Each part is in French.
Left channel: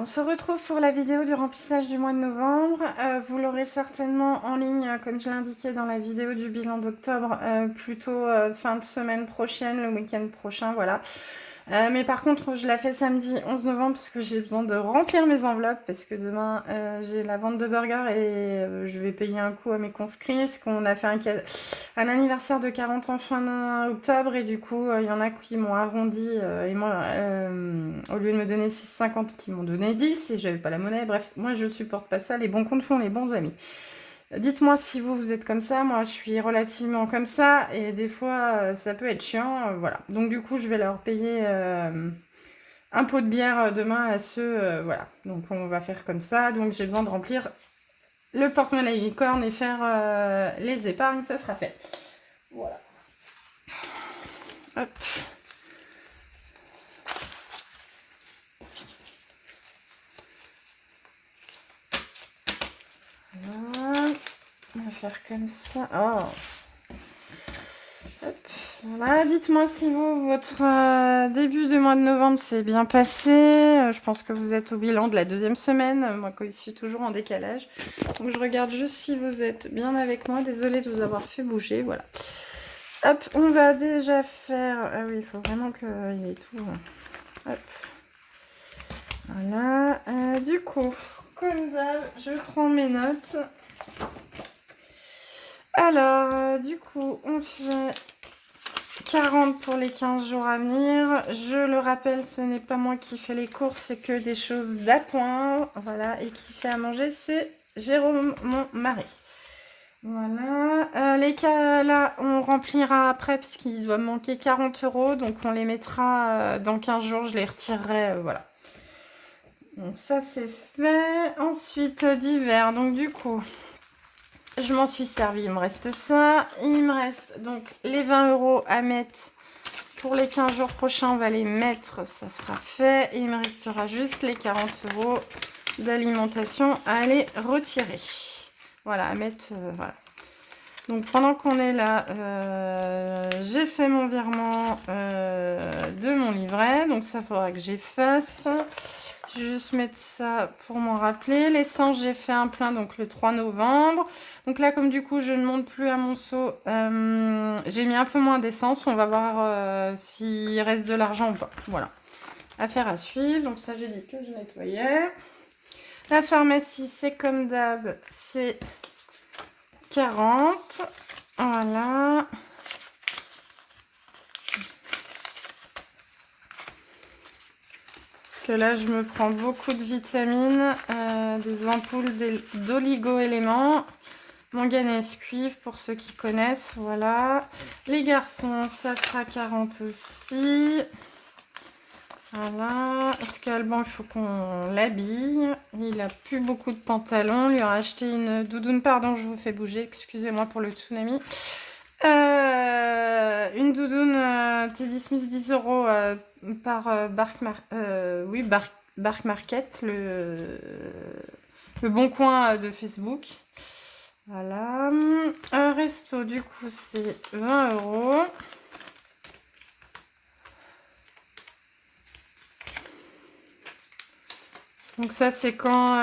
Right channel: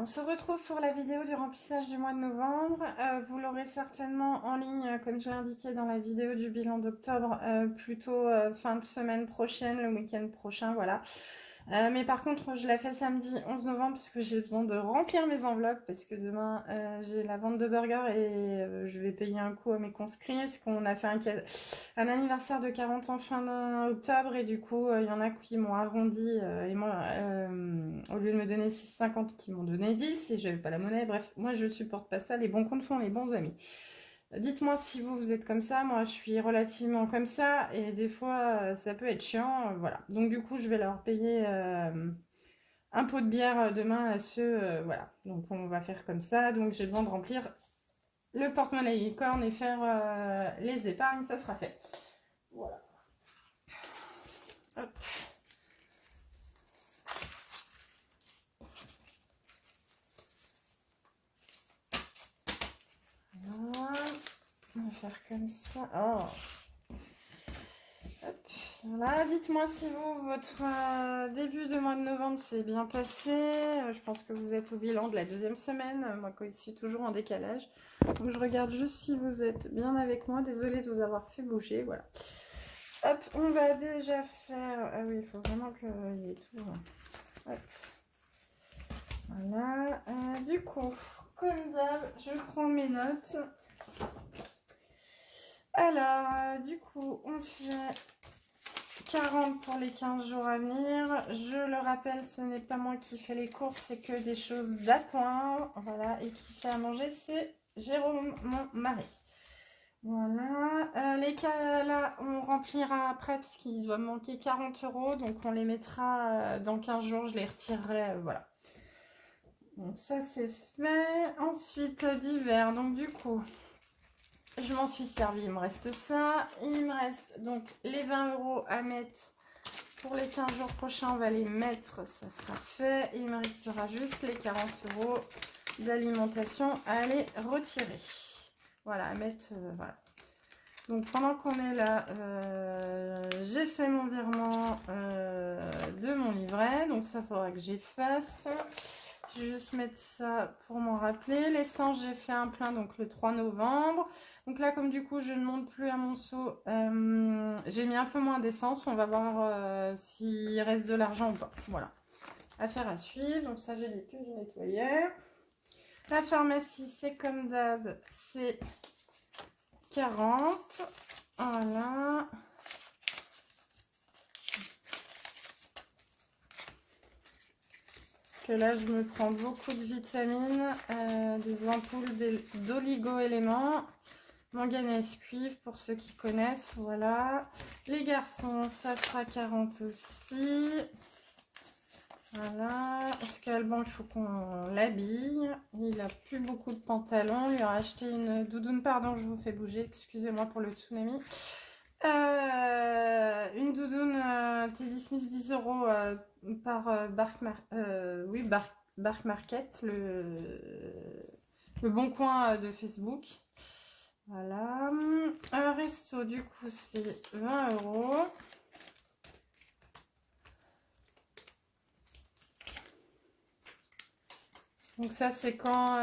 on se retrouve pour la vidéo du remplissage du mois de novembre. Vous l'aurez certainement en ligne, comme je l'ai indiqué dans la vidéo du bilan d'octobre, plutôt fin de semaine prochaine, le week-end prochain, voilà. Mais par contre, je la fais samedi 11 novembre parce que j'ai besoin de remplir mes enveloppes parce que demain, j'ai la vente de burgers et je vais payer un coup à mes conscrits parce qu'on a fait un anniversaire de 40 ans fin octobre et du coup, il y en a qui m'ont arrondi et moi, au lieu de me donner 6,50, qui m'ont donné 10 et j'avais pas la monnaie. Bref, moi, je supporte pas ça. Les bons comptes font les bons amis. Dites-moi si vous êtes comme ça. Moi, je suis relativement comme ça et des fois, ça peut être chiant. Voilà. Donc, du coup, je vais leur payer un pot de bière demain à ceux. Voilà. Donc, on va faire comme ça. Donc, j'ai besoin de remplir le porte-monnaie licorne et faire les épargnes. Ça sera fait. Voilà. Hop. Voilà. On va faire comme ça. Oh. Hop. Voilà, dites-moi si votre début du mois de novembre s'est bien passé. Je pense que vous êtes au bilan de la deuxième semaine. Moi, je suis toujours en décalage. Donc, je regarde juste si vous êtes bien avec moi. Désolée de vous avoir fait bouger. Voilà. Hop, on va déjà faire... Ah oui, il faut vraiment qu'il y ait tout. Hop. Voilà. Du coup, comme d'hab, je prends mes notes. Alors, du coup, on fait 40 pour les 15 jours à venir. Je le rappelle, ce n'est pas moi qui fais les courses, c'est que des choses d'appoint. Voilà, et qui fait à manger, c'est Jérôme, mon mari. Voilà, les cas là, on remplira après puisqu'il doit me manquer 40 euros. Donc on les mettra dans 15 jours, je les retirerai. Voilà. Donc ça, c'est fait. Ensuite, d'hiver. Donc du coup, je m'en suis servi. Il me reste ça. Il me reste donc les 20 euros à mettre. Pour les 15 jours prochains, on va les mettre, ça sera fait. Et il me restera juste les 40 euros d'alimentation à aller retirer. Voilà, à mettre, voilà. Donc pendant qu'on est là, j'ai fait mon virement de mon livret. Donc ça faudra que j'efface. Je vais juste mettre ça pour m'en rappeler. L'essence, j'ai fait un plein donc le 3 novembre. Donc là, comme du coup, je ne monte plus à Monceau, j'ai mis un peu moins d'essence. On va voir s'il reste de l'argent ou pas. Voilà. Affaire à suivre. Donc ça, j'ai dit que je nettoyais. La pharmacie, c'est comme d'hab, c'est 40. Voilà. Parce que là, je me prends beaucoup de vitamines, des ampoules d'oligo-éléments. Manganèse cuivre pour ceux qui connaissent, voilà. Les garçons, ça sera 40 aussi. Voilà. Parce qu'Alban, il faut qu'on l'habille. Il a plus beaucoup de pantalons. Il lui a acheté une doudoune. Pardon, je vous fais bouger. Excusez-moi pour le tsunami. Une doudoune Teddy Smith 10 euros par Bark Market, le bon coin de Facebook. Voilà. Un resto, du coup, c'est 20 euros. Donc ça, c'est quand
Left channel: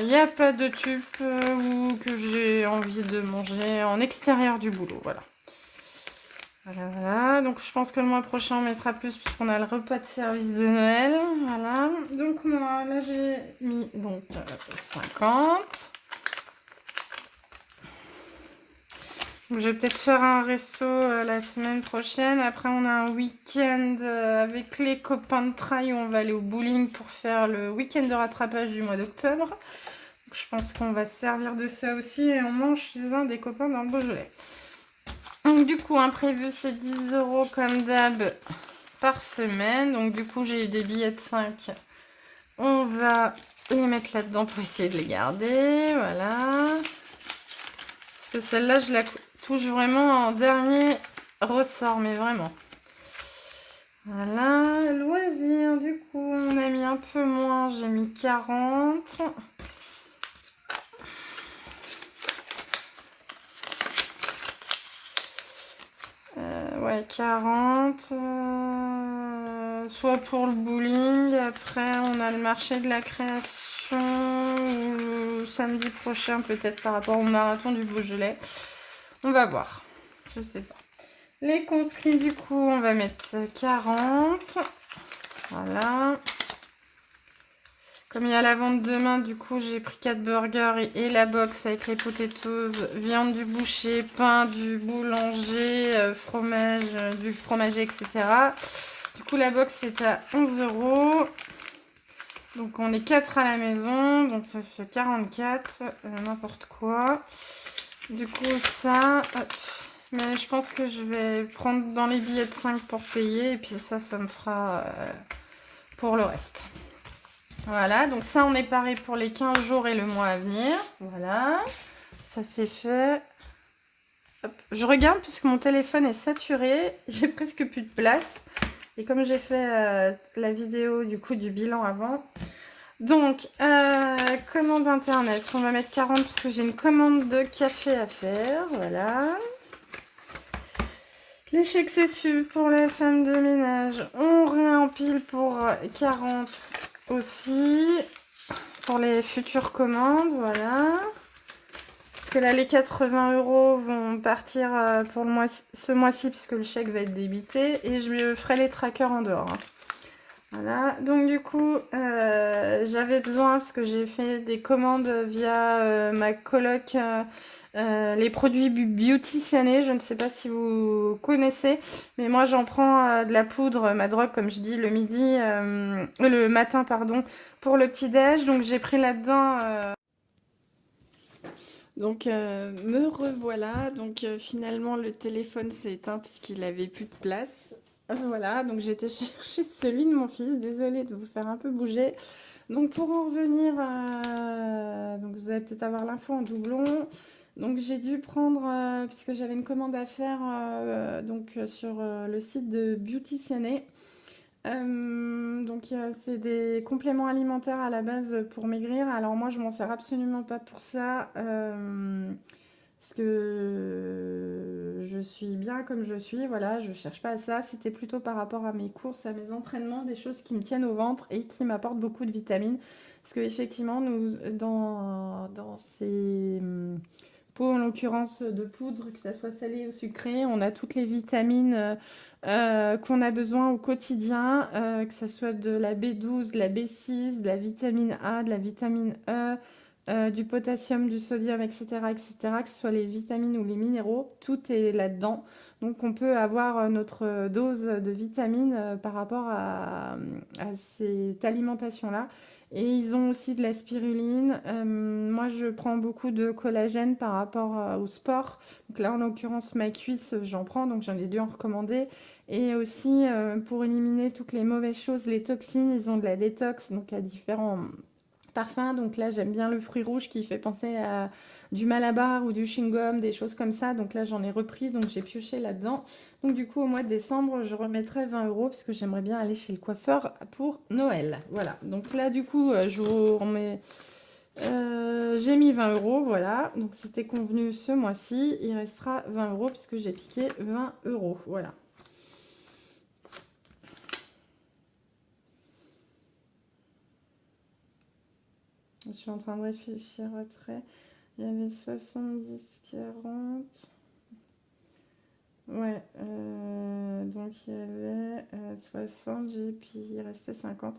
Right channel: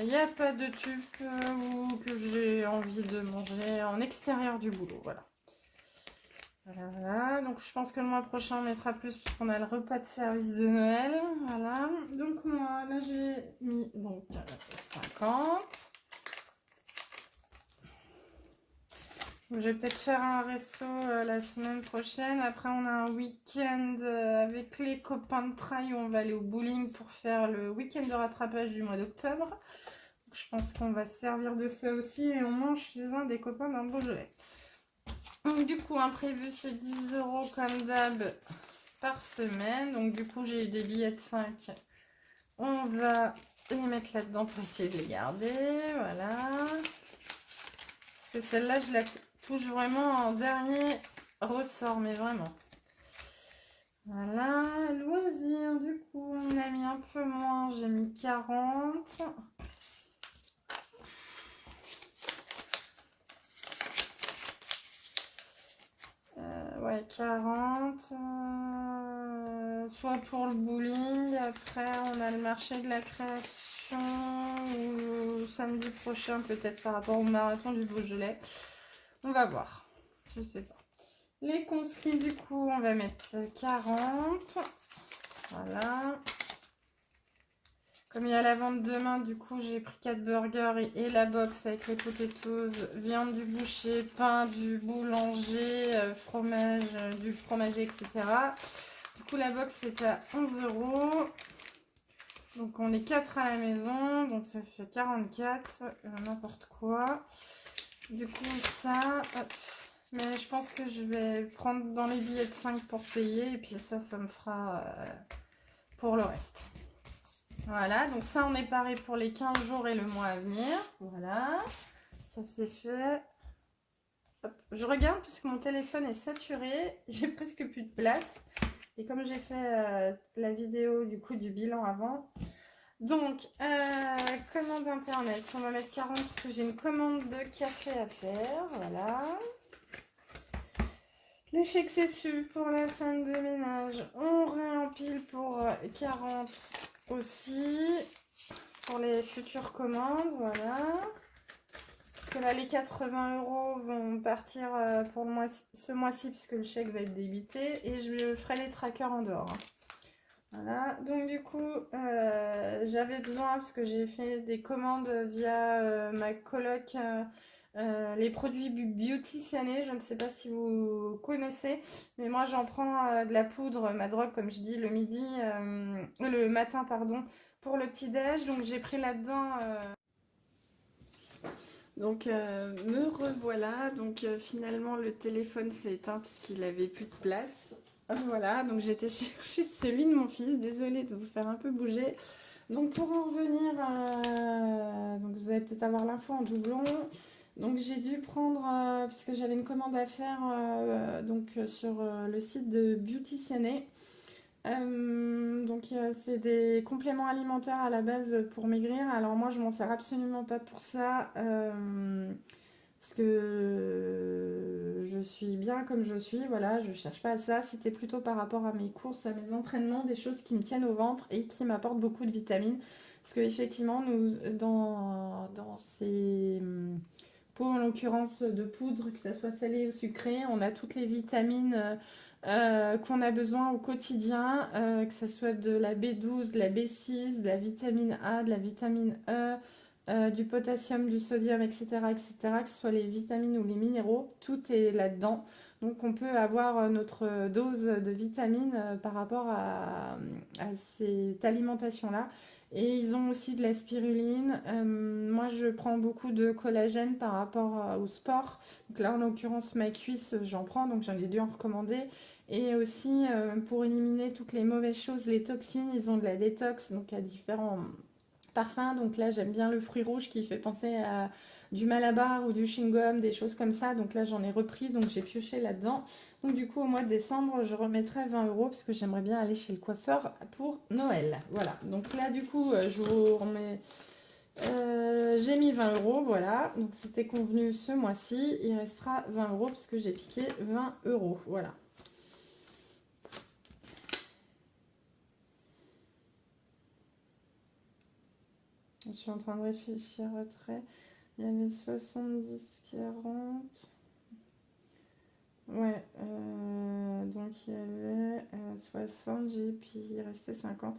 il n'y a pas de tube ou que j'ai envie de manger en extérieur du boulot. Voilà. Voilà, voilà. Donc je pense que le mois prochain, on mettra plus puisqu'on a le repas de service de Noël. Voilà. Donc moi, là, j'ai mis donc 50. Donc, je vais peut-être faire un resto la semaine prochaine. Après, on a un week-end avec les copains de trail où on va aller au bowling pour faire le week-end de rattrapage du mois d'octobre. Je pense qu'on va se servir de ça aussi et on mange chez un des copains dans le Beaujolais. Donc du coup, imprévu, c'est 10 euros comme d'hab par semaine. Donc du coup, j'ai des billets de 5. On va les mettre là-dedans pour essayer de les garder. Voilà. Parce que celle-là, je la touche vraiment en dernier ressort, mais vraiment. Voilà. Loisirs, du coup, on a mis un peu moins. J'ai mis 40. Ouais, 40. soit pour le bowling. Après, on a le marché de la création samedi prochain, peut-être par rapport au marathon du Beaujolais. On va voir. Je sais pas. Les conscrits, du coup, on va mettre 40. Voilà. Comme il y a la vente demain, du coup, j'ai pris 4 burgers et la box avec les potatoes, viande du boucher, pain du boulanger, fromage du fromager, etc. Du coup, la box est à 11 €. Donc, on est 4 à la maison. Donc, ça fait 44. N'importe quoi. Du coup, ça... Hop. Mais je pense que je vais prendre dans les billets de 5 pour payer. Et puis ça me fera pour le reste. Voilà, donc ça, on est paré pour les 15 jours et le mois à venir. Voilà, ça c'est fait. Hop. Je regarde puisque mon téléphone est saturé. J'ai presque plus de place. Et comme j'ai fait la vidéo du coup du bilan avant. Donc, commande internet. On va mettre 40 parce que j'ai une commande de café à faire. Voilà. Les chèques CSU pour les femmes de ménage. On réempile pour 40 aussi. Pour les futures commandes, voilà. Parce que là, les 80 € vont partir pour le mois, ce mois-ci, puisque le chèque va être débité. Et je ferai les trackers en dehors. Voilà. Donc, du coup, j'avais besoin, parce que j'ai fait des commandes via ma coloc, les produits Beauty Sané. Je ne sais pas si vous connaissez, mais moi, j'en prends de la poudre, ma drogue, comme je dis, le midi, le matin, pardon, pour le petit-déj. Donc, j'ai pris là-dedans... Donc, me revoilà. Donc, finalement, le téléphone s'est éteint puisqu'il avait plus de place. Voilà, donc j'ai été chercher celui de mon fils. Désolée de vous faire un peu bouger. Donc, pour en revenir, donc vous allez peut-être avoir l'info en doublon. Donc, j'ai dû prendre, puisque j'avais une commande à faire sur le site de Beauty Sané. Donc c'est des compléments alimentaires à la base pour maigrir. Alors moi je m'en sers absolument pas pour ça parce que je suis bien comme je suis, voilà, je cherche pas à ça. C'était plutôt par rapport à mes courses, à mes entraînements, des choses qui me tiennent au ventre et qui m'apportent beaucoup de vitamines. Parce que effectivement nous dans ces pots en l'occurrence de poudre, que ça soit salé ou sucré, on a toutes les vitamines qu'on a besoin au quotidien, que ce soit de la B12, de la B6, de la vitamine A, de la vitamine E, du potassium, du sodium, etc., etc., que ce soit les vitamines ou les minéraux, tout est là-dedans. Donc on peut avoir notre dose de vitamines par rapport à cette alimentation-là. Et ils ont aussi de la spiruline. Moi, je prends beaucoup de collagène par rapport au sport. Donc là, en l'occurrence, ma cuisse, j'en prends, donc j'en ai dû en recommander. Et aussi, pour éliminer toutes les mauvaises choses, les toxines, ils ont de la détox, donc à différents parfums. Donc là, j'aime bien le fruit rouge qui fait penser à du Malabar ou du chewing-gum, des choses comme ça. Donc là, j'en ai repris, donc j'ai pioché là-dedans. Donc du coup, au mois de décembre, je remettrai 20 € parce que j'aimerais bien aller chez le coiffeur pour Noël. Voilà, donc là, du coup, je vous remets... j'ai mis 20 €, voilà. Donc c'était convenu ce mois-ci. Il restera 20 € puisque j'ai piqué 20 €. Voilà. Je suis en train de réfléchir après. Il y avait 70, 40. Ouais, donc il y avait 60, puis il restait 50.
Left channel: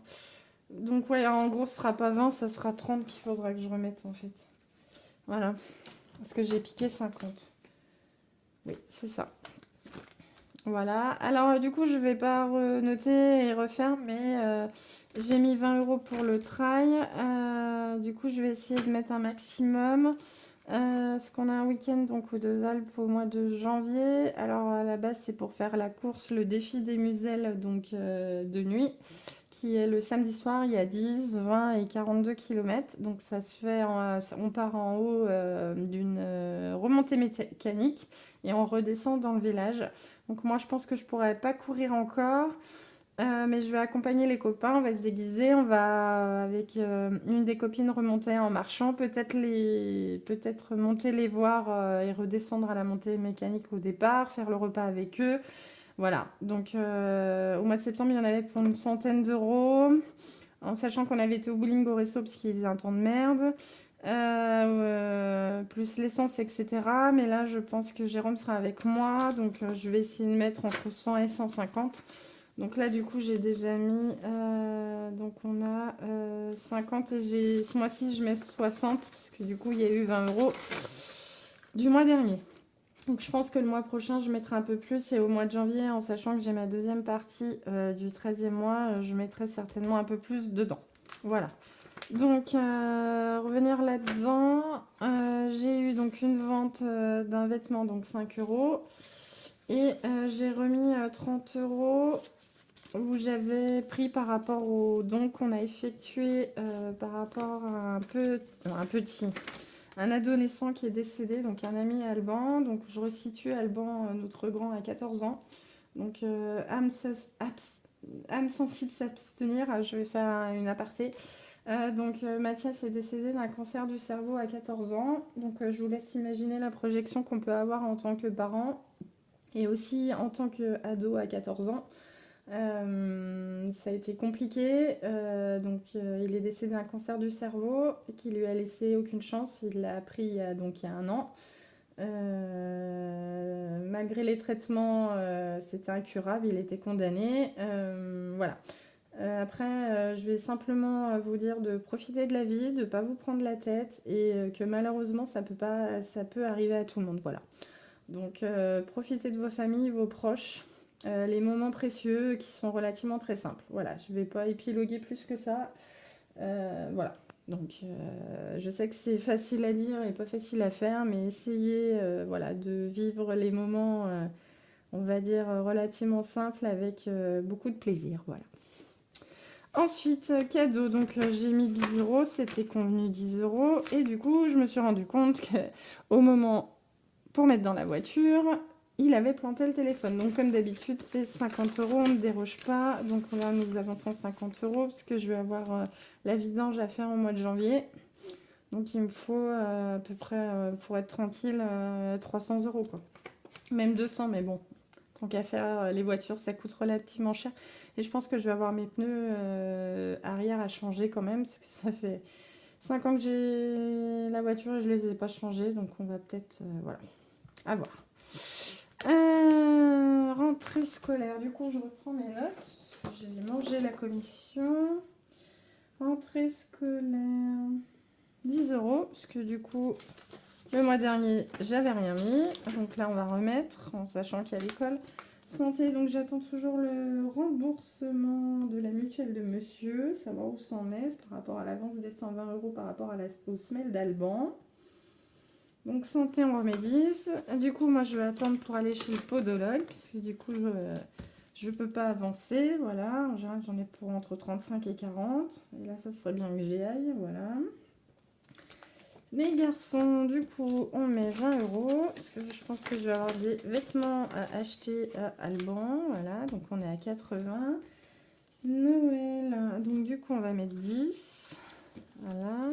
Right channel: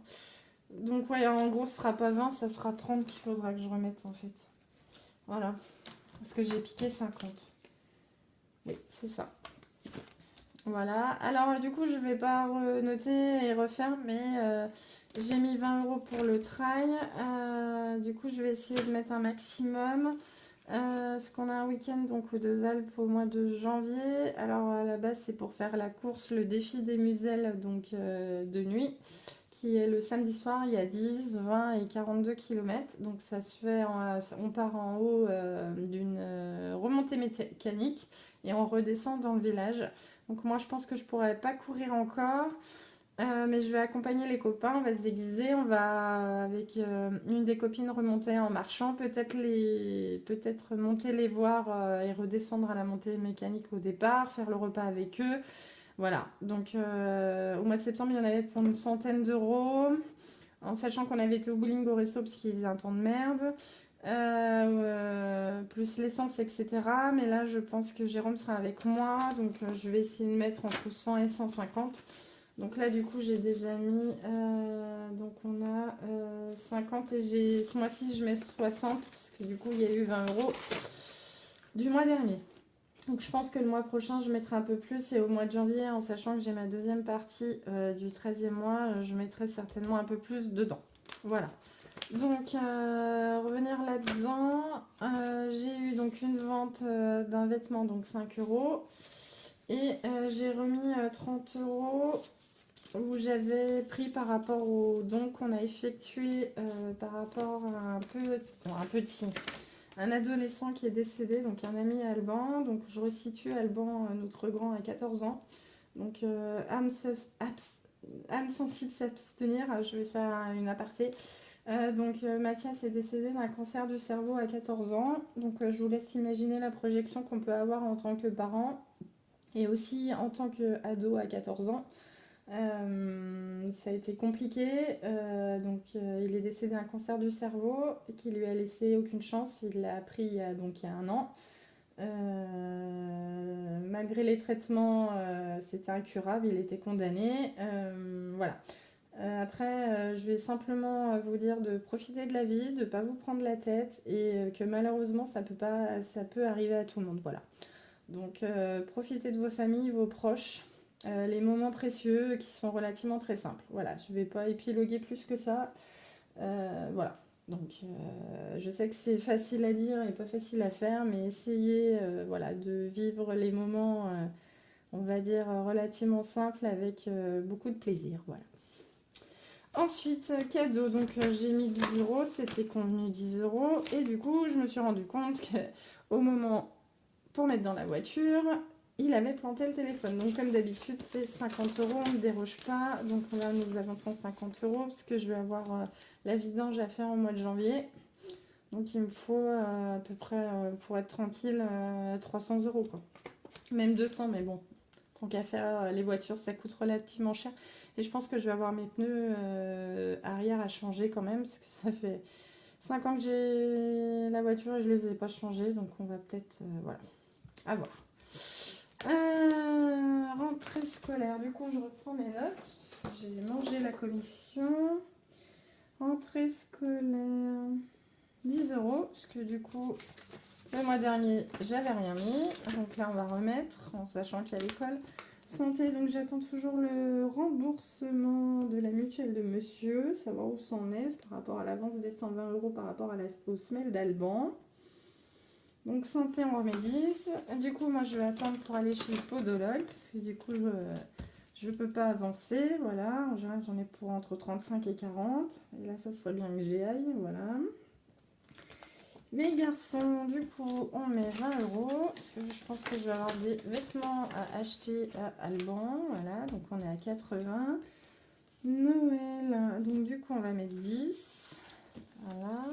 Donc ouais, en gros, ce sera pas 20, ça sera 30 qu'il faudra que je remette en fait. Voilà, parce que j'ai piqué 50. Oui, c'est ça. Voilà, alors du coup, je vais pas noter et refaire, mais j'ai mis 20 € pour le trail. Du coup, je vais essayer de mettre un maximum. Parce qu'on a un week-end donc aux Deux Alpes au mois de janvier. Alors à la base c'est pour faire la course, le défi des Muselles donc de nuit, qui est le samedi soir. Il y a 10, 20 et 42 km. Donc ça se fait, on part en haut d'une remontée mécanique et on redescend dans le village. Donc moi je pense que je pourrais pas courir encore. Mais je vais accompagner les copains, on va se déguiser, on va avec une des copines remonter en marchant, peut-être monter les voir et redescendre à la montée mécanique au départ, faire le repas avec eux. Voilà, donc au mois de septembre, il y en avait pour une centaine d'euros, en sachant qu'on avait été au bowling au resto parce qu'il faisait un temps de merde, plus l'essence, etc. Mais là, je pense que Jérôme sera avec moi, donc je vais essayer de mettre entre 100 et 150. Donc là, du coup, j'ai déjà mis, donc on a 50 et ce mois-ci, je mets 60 parce que du coup, il y a eu 20 euros du mois dernier. Donc je pense que le mois prochain, je mettrai un peu plus et au mois de janvier, en sachant que j'ai ma deuxième partie du 13e mois, je mettrai certainement un peu plus dedans. Voilà. Donc revenir là-dedans, j'ai eu donc une vente d'un vêtement, donc 5 euros. Et j'ai remis 30 euros où j'avais pris par rapport au don qu'on a effectué par rapport à un adolescent qui est décédé, donc un ami Alban. Donc je resitue Alban, notre grand, à 14 ans. Donc âme sensible s'abstenir, je vais faire une aparté. Mathias est décédé d'un cancer du cerveau à 14 ans. Donc je vous laisse imaginer la projection qu'on peut avoir en tant que parent et aussi en tant qu'ado à 14 ans. Ça a été compliqué. Il est décédé d'un cancer du cerveau qui lui a laissé aucune chance. Il l'a appris il y a 1 an. Malgré les traitements, c'était incurable. Il était condamné. Voilà. Après, je vais simplement vous dire de profiter de la vie, de ne pas vous prendre la tête et que malheureusement, ça peut arriver à tout le monde. Voilà. Donc, profitez de vos familles, vos proches, les moments précieux qui sont relativement très simples. Voilà, je ne vais pas épiloguer plus que ça. Voilà. Donc, je sais que c'est facile à dire et pas facile à faire, mais essayez voilà, de vivre les moments, on va dire, relativement simples avec beaucoup de plaisir. Voilà. Ensuite, cadeau, donc j'ai mis 10 euros, c'était convenu 10 euros, et du coup, je me suis rendu compte qu'au moment pour mettre dans la voiture, il avait planté le téléphone. Donc comme d'habitude, c'est 50 euros, on ne déroge pas. Donc là, nous avons 150 euros parce que je vais avoir la vidange à faire au mois de janvier. Donc il me faut à peu près, pour être tranquille, 300 euros, quoi. Même 200, mais bon, tant qu'à faire, les voitures, ça coûte relativement cher. Et je pense que je vais avoir mes pneus arrière à changer quand même, parce que ça fait 5 ans que j'ai la voiture et je les ai pas changés. Donc on va peut-être, voilà, à voir. Rentrée scolaire, du coup je reprends mes notes, parce que j'ai mangé la commission. Rentrée scolaire, 10 euros, parce que du coup le mois dernier j'avais rien mis, donc là on va remettre en sachant qu'il y a l'école. Santé, donc j'attends toujours le remboursement de la mutuelle de monsieur, savoir où c'en est par rapport à l'avance des 120 euros par rapport aux semelles d'Alban. Donc santé, on remet 10. Du coup, moi, je vais attendre pour aller chez le podologue, parce que du coup, je ne peux pas avancer. Voilà, en général, j'en ai pour entre 35 et 40. Et là, ça serait bien que j'y aille. Voilà. Les garçons, du coup, on met 20 euros, parce que je pense que je vais avoir des vêtements à acheter à Alban. Voilà, donc on est à 80. Noël, donc du coup, on va mettre 10. Voilà.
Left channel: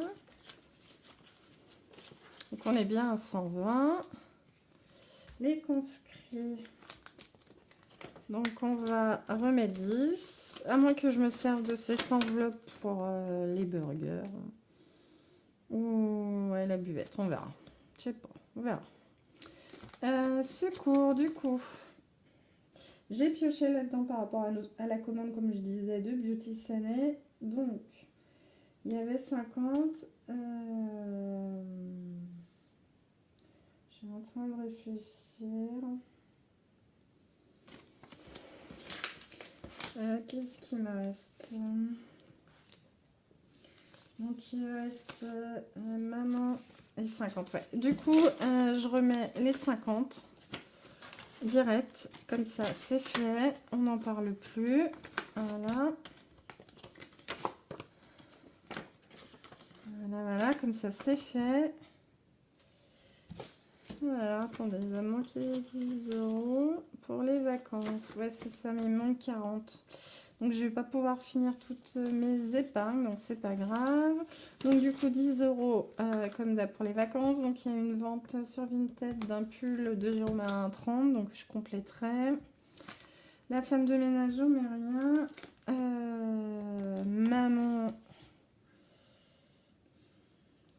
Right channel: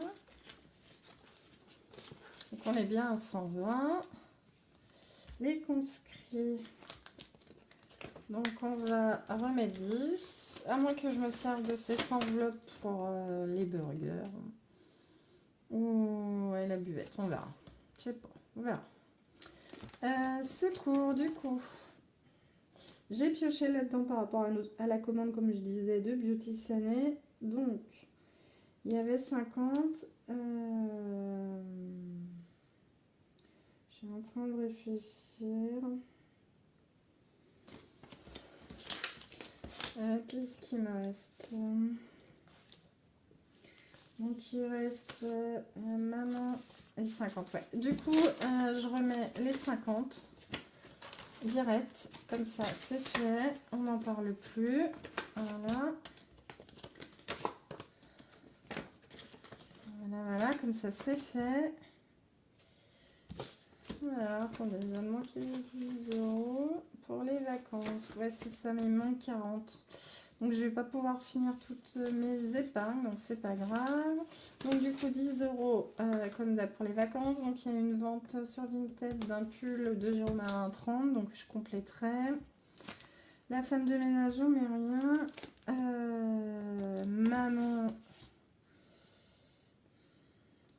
Donc on est bien à 120. Les conscrits, donc on va remettre 10, à moins que je me serve de cette enveloppe pour les burgers ou ouais, la buvette, on verra. Je sais pas, on verra. Secours, du coup, j'ai pioché là-dedans par rapport à la commande, comme je disais, de Beauty Sané. Donc, il y avait 50. Je suis en train de réfléchir. Qu'est-ce qui me reste? Donc il reste maman et 50. Ouais. Du coup, je remets les 50 direct. Comme ça, c'est fait. On n'en parle plus. Voilà. Voilà, comme ça, c'est fait. Voilà, attendez, il va me manquer 10 euros pour les vacances. Ouais, c'est ça, mais il manque 40. Donc je vais pas pouvoir finir toutes mes épingles, donc c'est pas grave. Donc du coup 10 euros comme d'hab pour les vacances. Donc il y a une vente sur Vinted d'un pull de Jérôme à 1,30, donc je compléterai. La femme de ménage, on met rien. Maman.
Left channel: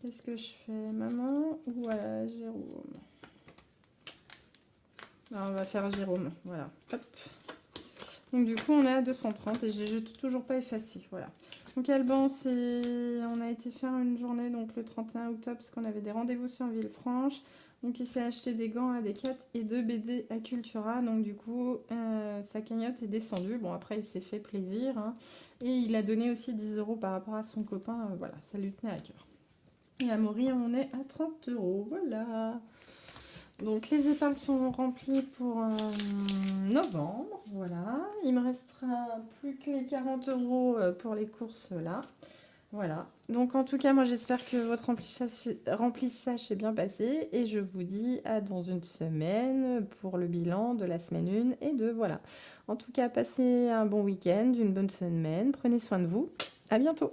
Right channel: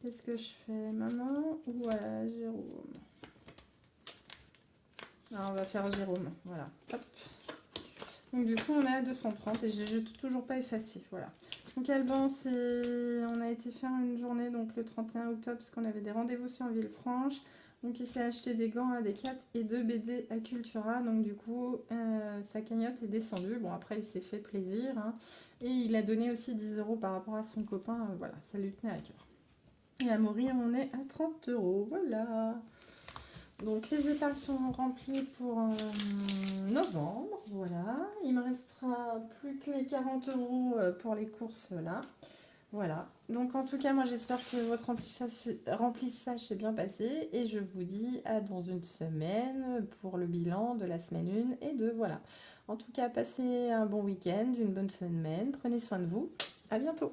Qu'est-ce que je fais? Maman ou voilà, Jérôme. Alors, on va faire Jérôme. Voilà. Hop. Donc du coup, on a 230 et j'ai toujours pas effacé. Voilà. Donc Alban, on a été faire une journée donc le 31 octobre parce qu'on avait des rendez-vous sur Villefranche. Donc il s'est acheté des gants à Decat et 2 BD à Cultura. Donc du coup, sa cagnotte est descendue. Bon, après, il s'est fait plaisir. Hein. Et il a donné aussi 10 € par rapport à son copain. Voilà, ça lui tenait à cœur. Et à Maury, on est à 30 €. Voilà. Donc les épargnes sont remplies pour novembre, voilà. Il me restera plus que les 40 € pour les courses là. Voilà. Donc en tout cas, moi j'espère que votre remplissage s'est bien passé et je vous dis à dans une semaine pour le bilan de la semaine 1 et 2. Voilà. En tout cas, passez un bon week-end, une bonne semaine, prenez soin de vous. À bientôt.